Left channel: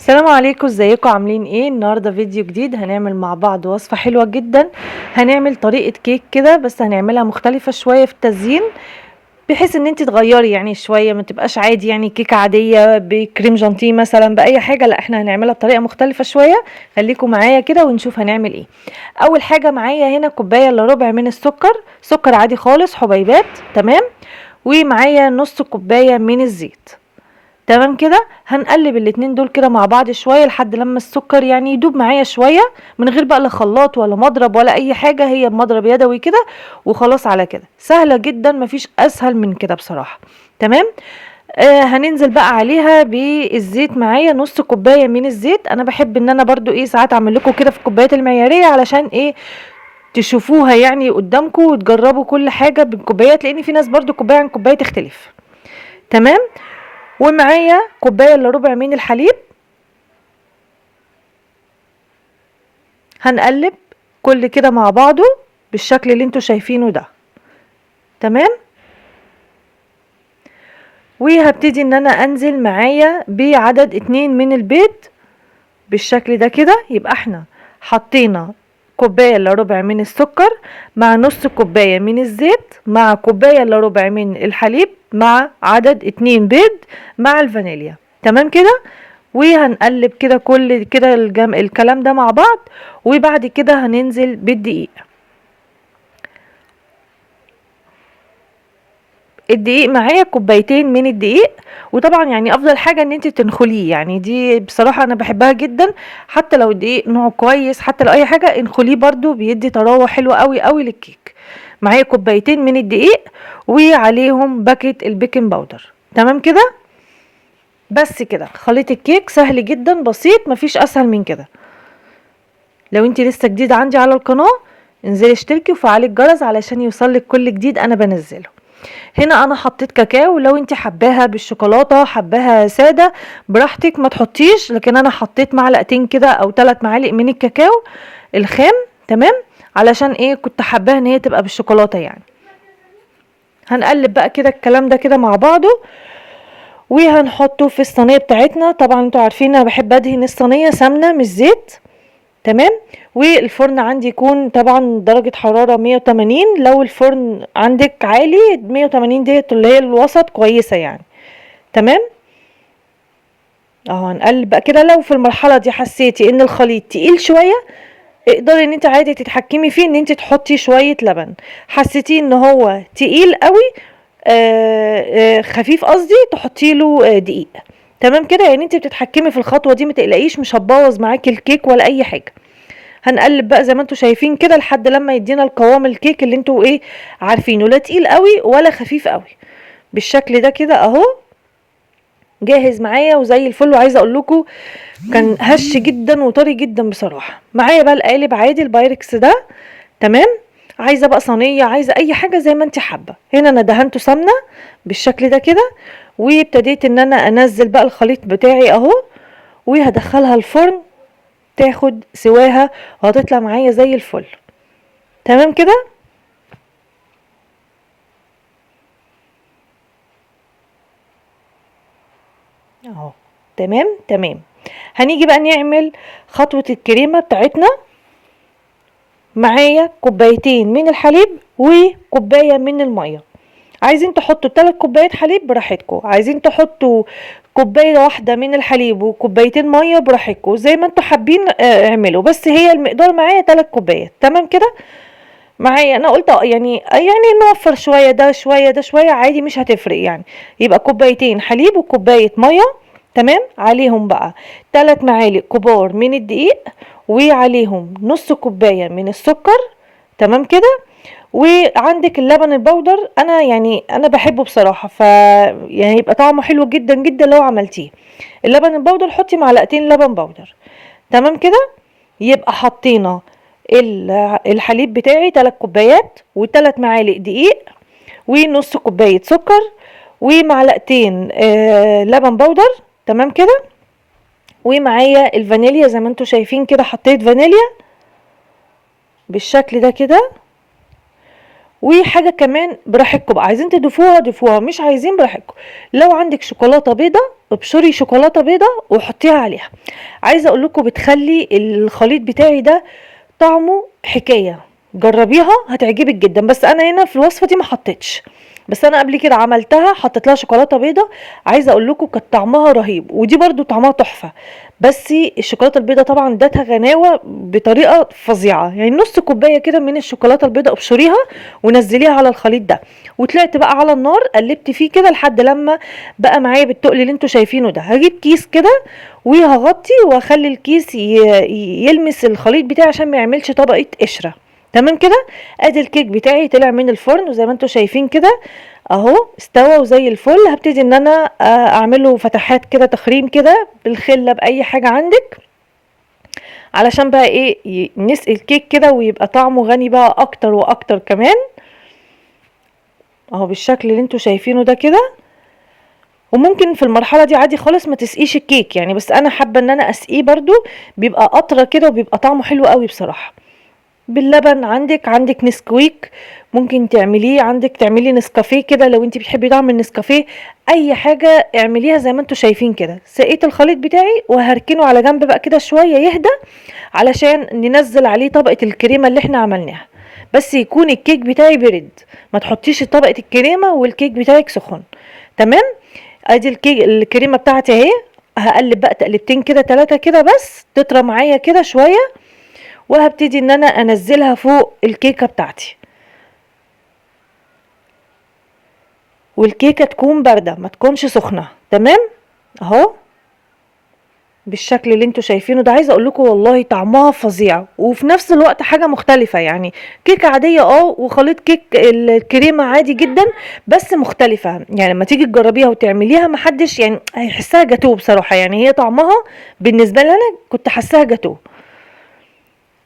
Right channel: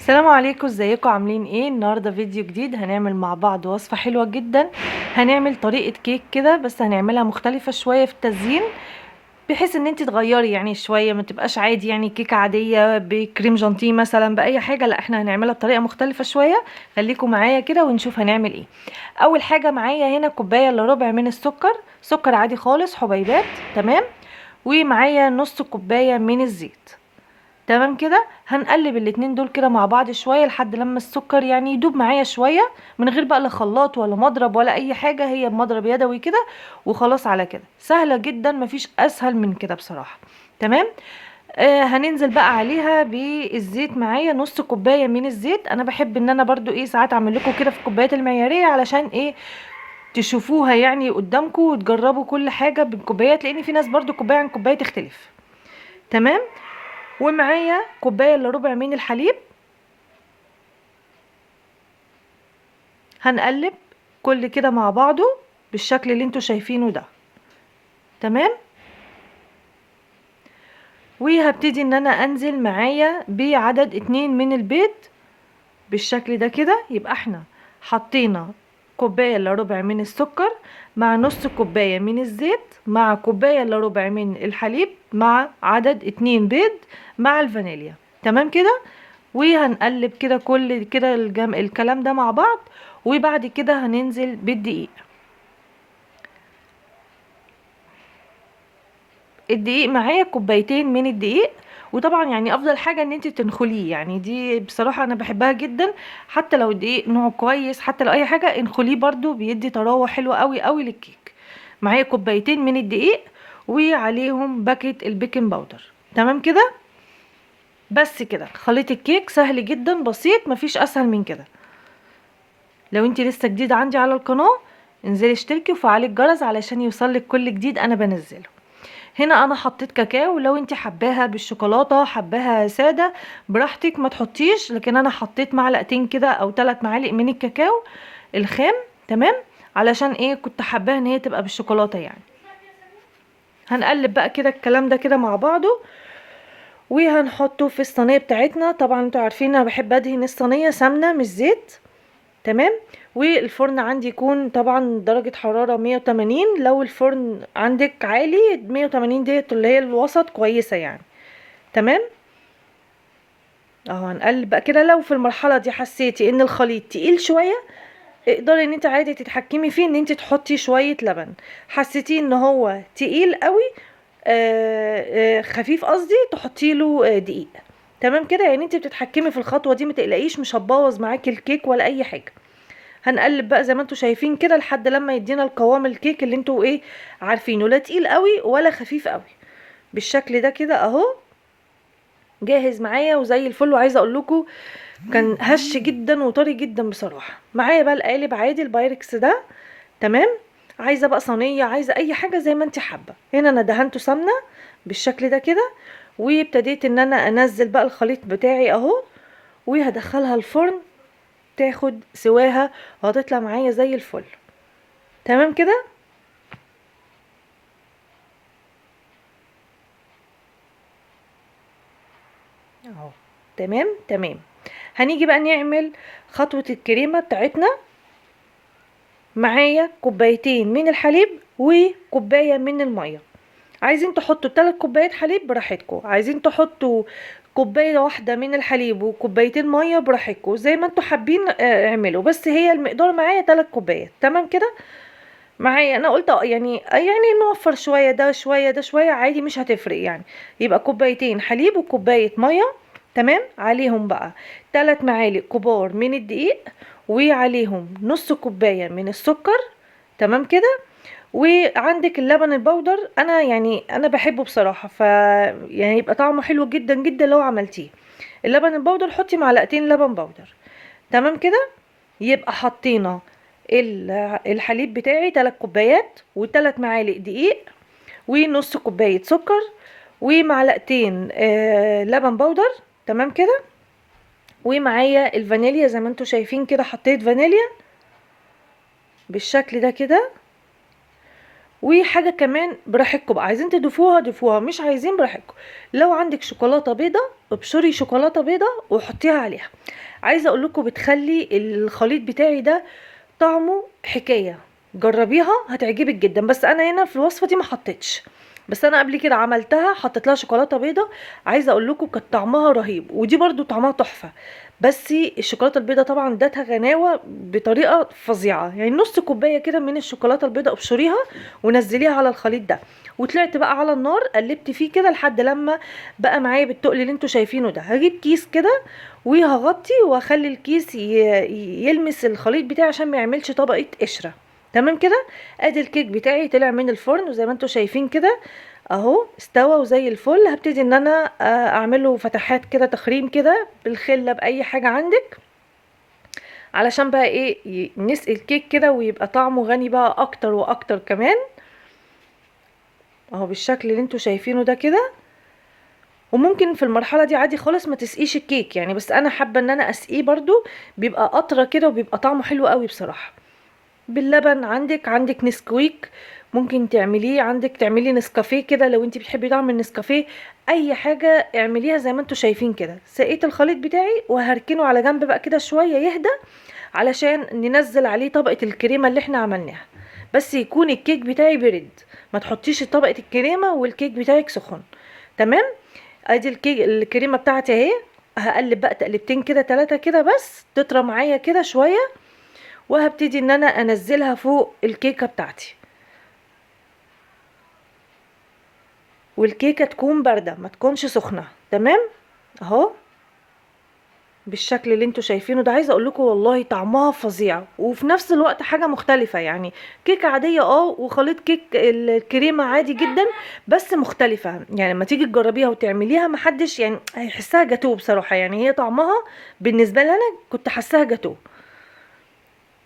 السلام عليكم، ازيكم؟ عاملين ايه؟ النهارده فيديو جديد هنعمل مع بعض وصفة حلوة جدا. هنعمل طريقة كيك كده، بس هنعملها مختلفة شوية في التزيين، بحيث ان انت تغيري يعني شوية، ما تبقاش عادي يعني كيكة عادية بكريم جانتيه مثلا بأي حاجة. لا، احنا هنعملها بطريقة مختلفة شوية. خليكم معايا كده ونشوف هنعمل ايه. اول حاجة معايا هنا كوباية الا ربع من السكر، سكر عادي خالص حبيبات. تمام. ومعايا نص كوباية من الزيت. تمام كده. هنقلب الاتنين دول كده مع بعض شويه لحد لما السكر يعني يدوب معايا شويه، من غير بقى لا خلاط ولا مضرب ولا اي حاجه، هي بمضرب يدوي كده وخلاص. على كده سهله جدا، مفيش اسهل من كده بصراحه. تمام. هننزل بقى عليها بالزيت. معايا نص كوبايه من الزيت. انا بحب ان انا برضو ايه ساعات اعمل لكم كده في الكوبايات المعياريه، علشان ايه؟ تشوفوها يعني قدامكم وتجربوا كل حاجه بالكوبايات، لان في ناس برضو كوبايه عن كوبايه تختلف. تمام. ومعايا كوبايه الا ربع من الحليب. هنقلب كل كده مع بعضه بالشكل اللي انتوا شايفينه ده. تمام. وهبتدي ان انا انزل معايا بعدد 2 من البيض بالشكل ده كده. يبقى احنا حطينا كوباية الا ربع من السكر، مع نص كوباية من الزيت، مع كوباية الا ربع من الحليب، مع عدد 2 بيض، مع الفانيليا. تمام كده. وهنقلب كده كل كده الكلام ده مع بعض. وبعد كده هننزل بالدقيق. الدقيق معايا كوبايتين من الدقيق. وطبعا يعني افضل حاجه ان انت تنخليه، يعني دي بصراحه انا بحبها جدا. حتى لو الدقيق نوعه كويس، حتى لو اي حاجه انخليه برضو بيدي طراوه حلوه قوي قوي للكيك. معايا كوبايتين من الدقيق، وعليهم باكيت البيكنج باودر. تمام كده. بس كده خليط الكيك سهل جدا بسيط، مفيش اسهل من كده. لو انت لسه جديده عندي على القناه، انزلي اشتركي وفعلي الجرس علشان يوصلك كل جديد انا بنزله. هنا انا حطيت كاكاو، لو انت حباها بالشوكولاته حباها ساده براحتك ما تحطيش، لكن انا حطيت معلقتين كده او 3 معالق من الكاكاو الخام. تمام. علشان ايه؟ كنت حباها ان هي تبقى بالشوكولاته يعني. هنقلب بقى كده الكلام ده كده مع بعضه، وهنحطه في الصينيه بتاعتنا. طبعا انتوا عارفين انا بحب ادهن الصينيه سمنه مش زيت. تمام. والفرن عندي يكون طبعا درجة حرارة 180. لو الفرن عندك عالي 180 ديت اللي هي الوسط كويسة يعني. تمام. اهو هنقلب بقى كده. لو في المرحلة دي حسيتي ان الخليط تقيل شوية، اقدري ان انت عادي تتحكمي فيه ان انت تحطي شوية لبن. حسيتي ان هو تقيل قوي، خفيف قصدي، تحطي له دقيق. تمام كده. يعني انت بتتحكمي في الخطوة دي، متقلقيش مش هتبوظ معاكي الكيك ولا اي حاجة. هنقلب بقى زي ما انتوا شايفين كده لحد لما يدينا القوام الكيك اللي انتوا ايه عارفينه، لا تقيل قوي ولا خفيف قوي. بالشكل ده كده اهو جاهز معايا وزي الفل. وعايزه اقول لكم كان هش جدا وطري جدا بصراحه. معايا بقى القالب عادي البايركس ده. تمام. عايزه بقى صينيه، عايزه اي حاجه زي ما انت حابه. هنا انا دهنته سمنه بالشكل ده كده. وابتديت ان انا انزل بقى الخليط بتاعي اهو، وهدخلها الفرن تاخد سواها، وهتطلع معايا زي الفل. تمام كده. اهو. تمام تمام. هنيجي بقى نعمل خطوة الكريمة بتاعتنا. معايا كوبايتين من الحليب وكوباية من المية. عايزين تحطوا 3 كوبايات حليب براحتكم، عايزين تحطوا كوباية واحدة من الحليب وكوبايتين مية براحتكم، زي ما انتوا حابين اعملوا. بس هي المقدار معايا 3 كوبايات. تمام كده. معايا انا قلت يعني نوفر شويه، ده شويه ده شويه عادي مش هتفرق يعني. يبقى كوبايتين حليب وكوبايه ميه. تمام. عليهم بقى 3 معالق كبار من الدقيق، وعليهم نص كوبايه من السكر. تمام كده. وعندك اللبن البودر، انا يعني انا بحبه بصراحه، يعني يبقى طعمه حلو جدا جدا لو عملتيه. اللبن البودر حطي معلقتين لبن بودر. تمام كده. يبقى حطينا الحليب بتاعي 3 كوبايات و3 معالق دقيق ونص كوباية سكر ومعلقتين لبن بودر. تمام كده. ومعايا الفانيليا زي ما انتوا شايفين كده، حطيت فانيليا بالشكل ده كده. وحاجه كمان براحتكم بقى، عايزين تضيفوها ضيفوها، مش عايزين براحتكم. لو عندك شوكولاته بيضه ابشري شوكولاته بيضه وحطيها عليها. عايزه اقول لكم بتخلي الخليط بتاعي ده طعمه حكايه، جربيها هتعجبك جدا. بس انا هنا في الوصفه دي ما حطيتش، بس انا قبل كده عملتها حطيت لها شوكولاته بيضه. عايزه اقول لكم كانت طعمها رهيب، ودي برضو طعمها تحفه. بس الشوكولاته البيضه طبعا ادتها غناوه بطريقه فظيعه. يعني نص كوبايه كده من الشوكولاته البيضه ابشريها ونزليها على الخليط ده، وطلعت بقى على النار قلبت فيه كده لحد لما بقى معايا بالتقل اللي انتوا شايفينه ده. هجيب كيس كده وهغطي واخلي الكيس يلمس الخليط بتاعي عشان ما يعملش طبقه قشره. تمام كده. ادي الكيك بتاعي طلع من الفرن وزي ما انتوا شايفين كده اهو استوى وزي الفل. هبتدي ان انا اعمله فتحات كده تخريم كده بالخله باي حاجه عندك، علشان بقى ايه نسقي الكيك كده ويبقى طعمه غني بقى اكتر واكتر كمان. اهو بالشكل اللي انتوا شايفينه ده كده. وممكن في المرحله دي عادي خالص ما تسقيش الكيك يعني، بس انا حابه ان انا اسقيه برضو، بيبقى قطره كده وبيبقى طعمه حلو قوي بصراحه. باللبن عندك نسكويك ممكن تعمليه، عندك تعملي نسكافيه كده لو انت بتحبي طعم النسكافيه. اي حاجه اعمليها زي ما انتوا شايفين كده. سقيت الخليط بتاعي وهركنه على جنب بقى كده شويه يهدى، علشان ننزل عليه طبقه الكريمه اللي احنا عملناها. بس يكون الكيك بتاعي برد، ما تحطيش طبقه الكريمه والكيك بتاعك سخن. تمام. ادي الكريمه بتاعتي اهي. هقلب بقى تقلبتين كده 3 كده بس تطرى معايا كده شويه، وهبتدي ان انا انزلها فوق الكيكه بتاعتي. والكيكه تكون بارده ما تكونش سخنه. تمام اهو بالشكل اللي انتوا شايفينه ده. عايزه اقول لكم والله طعمها فظيع وفي نفس الوقت حاجه مختلفه. يعني كيكه عاديه وخليط كيك الكريمه عادي جدا، بس مختلفه. يعني لما تيجي تجربيها وتعمليها محدش يعني هيحسها جاتوه بصراحه. يعني هي طعمها بالنسبه لي انا كنت حاساها جاتوه.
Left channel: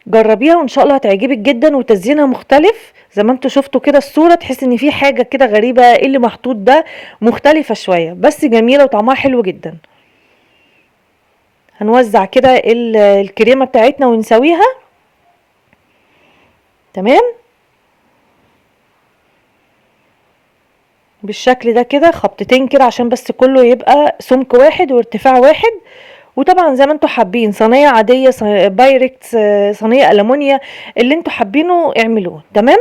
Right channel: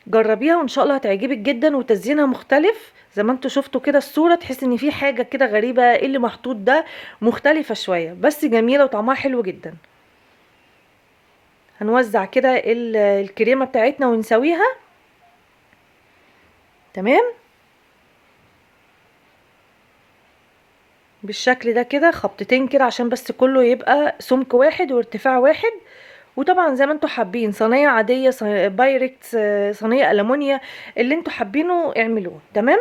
جربيها وان شاء الله هتعجبك جدا، وتزيينها مختلف زي ما انتوا شفتوا كده الصورة، تحس ان في حاجة كده غريبة ايه اللي محطوط ده، مختلفة شوية بس جميلة وطعمها حلو جدا. هنوزع كده الكريمة بتاعتنا ونسويها. تمام بالشكل ده كده خبطتين كده عشان بس كله يبقى سمك واحد وارتفاع واحد. وطبعا زي ما انتوا حابين صينية عادية بايركس صينية ألمونيا اللي انتوا حابينه اعملوه. تمام.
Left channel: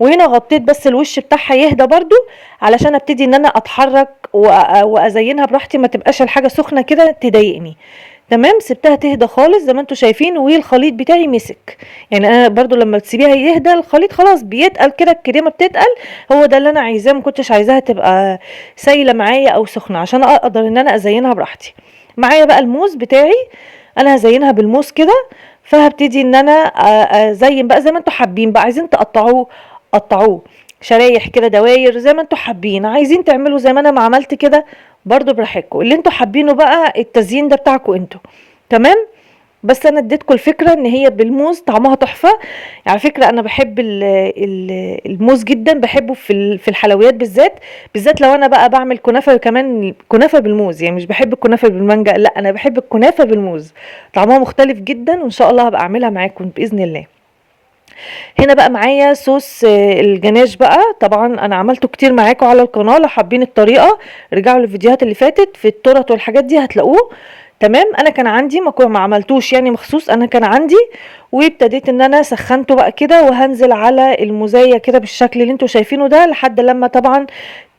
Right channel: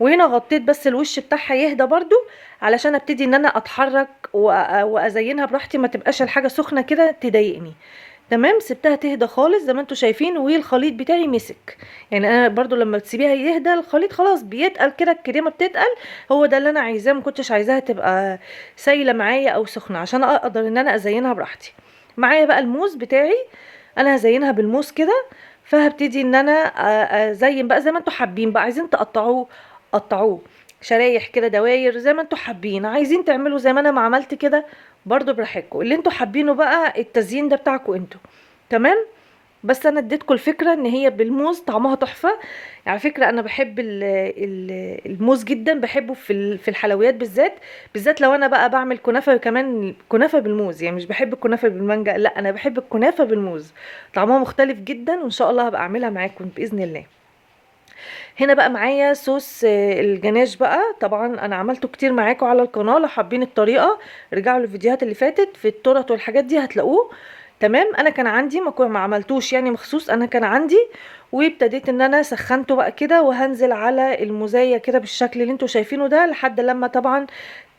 وهنا غطيت بس الوش بتاعها يهدى برضو، علشان ابتدي ان انا اتحرك وازينها براحتي، ما تبقاش الحاجه سخنه كده تضايقني. تمام. سبتها تهدى خالص زي ما انتوا شايفين والخليط بتاعي مسك. يعني انا برضو لما تسيبيها يهدى الخليط خلاص بيتقل كده، الكريمه بتتقل. هو ده اللي انا عايزاه، ما كنتش عايزاها تبقى سايله معايا او سخنه عشان اقدر ان انا ازينها براحتي. معايا بقى الموز بتاعي، انا هزينها بالموز كده. فهبتدي ان انا ازين بقى زي ما انتوا حابين بقى. عايزين تقطعوه قطعوه شرايح كده دواير زي ما انتوا حابين، عايزين تعملوا زي ما انا ما عملت كده برضو براحتكم. اللي انتوا حابينه بقى التزيين ده بتاعكم انتوا. تمام. بس انا اديتكم الفكره ان هي بالموز طعمها تحفه. على فكره انا بحب الموز جدا، بحبه في الحلويات بالذات. بالذات لو انا بقى بعمل كنافه، وكمان كنافه بالموز. يعني مش بحب الكنافه بالمانجا، لا انا بحب الكنافه بالموز. طعمها مختلف جدا وان شاء الله هبقى اعملها معاكم باذن الله. هنا بقى معايا صوص الجناش بقى. طبعا انا عملته كتير معاكم على القناه، لو حابين الطريقه رجعوا للفيديوهات اللي فاتت في التورت والحاجات دي هتلاقوه. تمام. انا كان عندي ما عملتوش يعني مخصوص، انا كان عندي وابتديت ان انا سخنته بقى كده، وهنزل على المزايا كده بالشكل اللي انتوا شايفينه ده لحد لما طبعا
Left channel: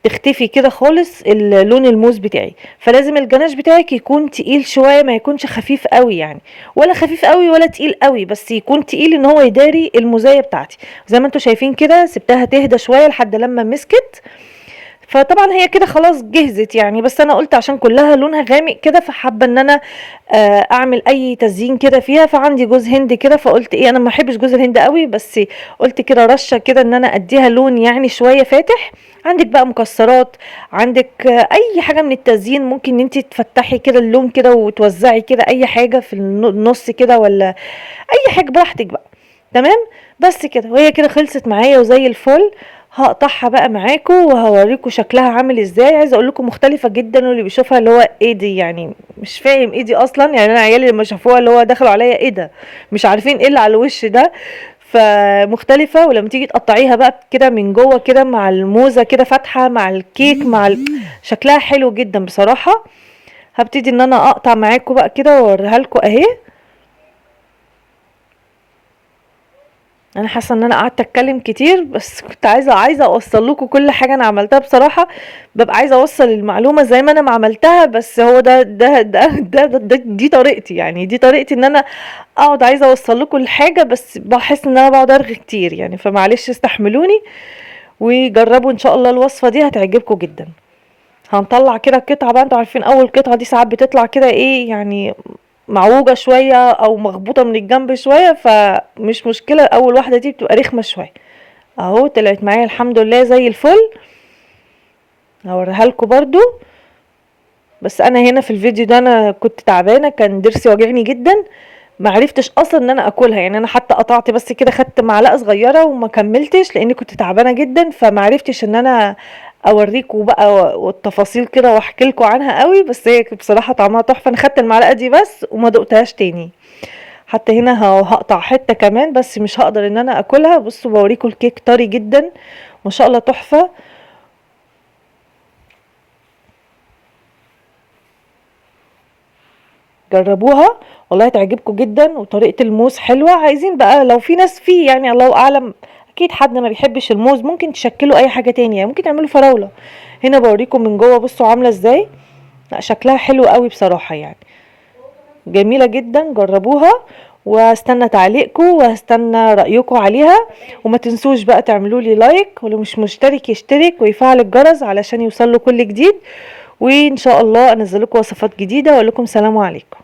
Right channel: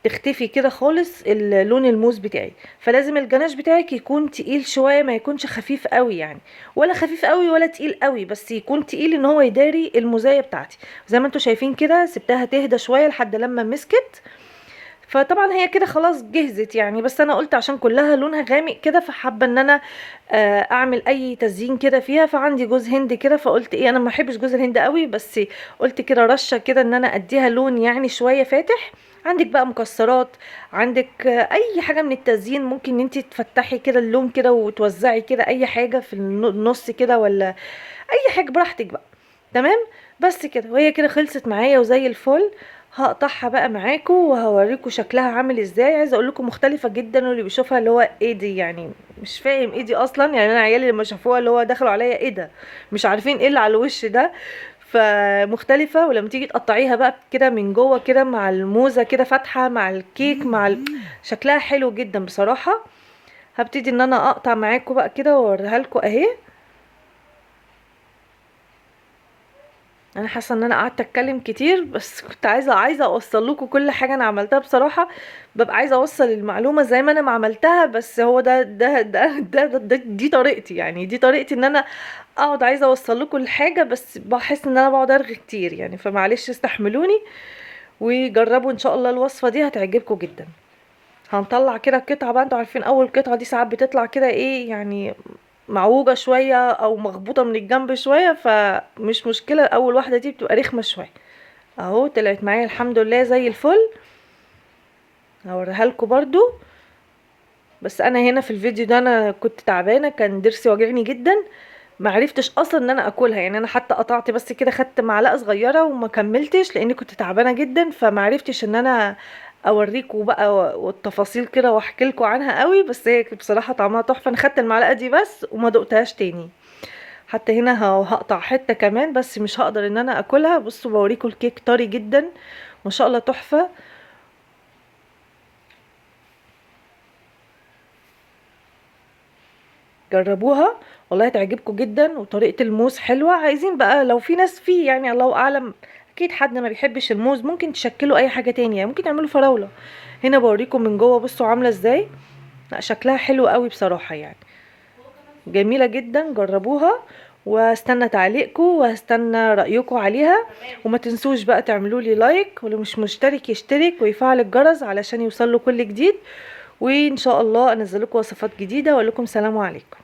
تختفي كده خالص لون الموز بتاعي. فلازم الجناش بتاعك يكون تقيل شويه، ما يكونش خفيف قوي يعني، ولا خفيف قوي ولا تقيل قوي، بس يكون تقيل ان هو يداري المزايا بتاعتي. زي ما انتوا شايفين كده سبتها تهدى شويه لحد لما مسكت. فطبعا هي كده خلاص جهزت يعني، بس انا قلت عشان كلها لونها غامق كده فحابه ان انا اعمل اي تزيين كده فيها. فعندي جوز هند كده، فقلت ايه انا ما بحبش جوز الهند قوي، بس قلت كده رشه كده ان انا اديها لون يعني شويه فاتح. عندك بقى مكسرات، عندك اي حاجه من التزيين ممكن انت تفتحي كده اللون كده وتوزعي كده اي حاجه في النص كده، ولا اي حاجه براحتك بقى. تمام. بس كده وهي كده خلصت معايا وزي الفل. هقطعها بقى معاكم وهوريكم شكلها عامل ازاي. عايزه اقول لكم مختلفه جدا، واللي بيشوفها اللي هو ايه دي يعني مش فاهم ايه دي اصلا. يعني انا عيالي لما شافوها اللي هو دخلوا عليا ايه ده، مش عارفين ايه اللي على الوش ده. فمختلفة، ولما تيجي تقطعيها بقى كده من جوه كده مع الموزة كده فاتحة مع الكيك شكلها حلو جدا بصراحة. هبتدي ان انا اقطع معاكم بقى كده واوريها لكم اهي. انا حاسه ان انا قعدت اتكلم كتير، بس كنت عايزه اوصل لكم كل حاجه انا عملتها بصراحه. ببقى عايزه اوصل المعلومه زي ما انا ما عملتها، بس هو دي طريقتي، يعني دي طريقتي ان انا اقعد عايزه اوصل لكم الحاجه، بس بحس ان انا بقعد ارغي كتير يعني، فمعلش استحملوني وجربوا ان شاء الله الوصفه دي هتعجبكم جدا. هنطلع كده القطعه بقى، انتوا عارفين اول قطعه دي ساعات بتطلع كده ايه يعني، معوجة شوية او مخبوطة من الجنب شوية، فمش مشكلة، اول واحدة دي بتبقى رخمة شوية. اهو طلعت معايا الحمد لله زي الفل. هوريها لكم برضو. بس انا هنا في الفيديو ده انا كنت تعبانة، كان ضرسي واجعني جدا، معرفتش اصلا ان انا اكلها يعني. انا حتى قطعت بس كده، خدت معلقة صغيرة وما كملتش لاني كنت تعبانة جدا، فمعرفتش ان انا اوريكم بقى والتفاصيل كده واحكي لكم عنها قوي. بس هي بصراحة طعمها تحفة، انا خدت المعلقة دي بس وما دقتهاش تاني. حتى هنا هقطع حتة كمان، بس مش هقدر ان انا اكلها. بصوا بوريكم الكيك طري جدا ما شاء الله، تحفة. جربوها والله هتعجبكم جدا، وطريقة الموز حلوة. عايزين بقى لو في ناس فيه يعني الله اعلم، اكيد حد ما بيحبش الموز ممكن تشكلوا اي حاجة تانية، يعني ممكن تعملوا فراولة. هنا بوريكم من جوه بصوا عاملة ازاي. لا شكلها حلو قوي بصراحة يعني، جميلة جدا. جربوها واستنى تعليقكم واستنى رأيكم عليها. وما تنسوش بقى تعملوا لي لايك، ولو مش مشترك يشترك ويفعل الجرس علشان يوصل له كل جديد. وان شاء الله انزل لكم وصفات جديدة، واقول لكم سلام عليكم.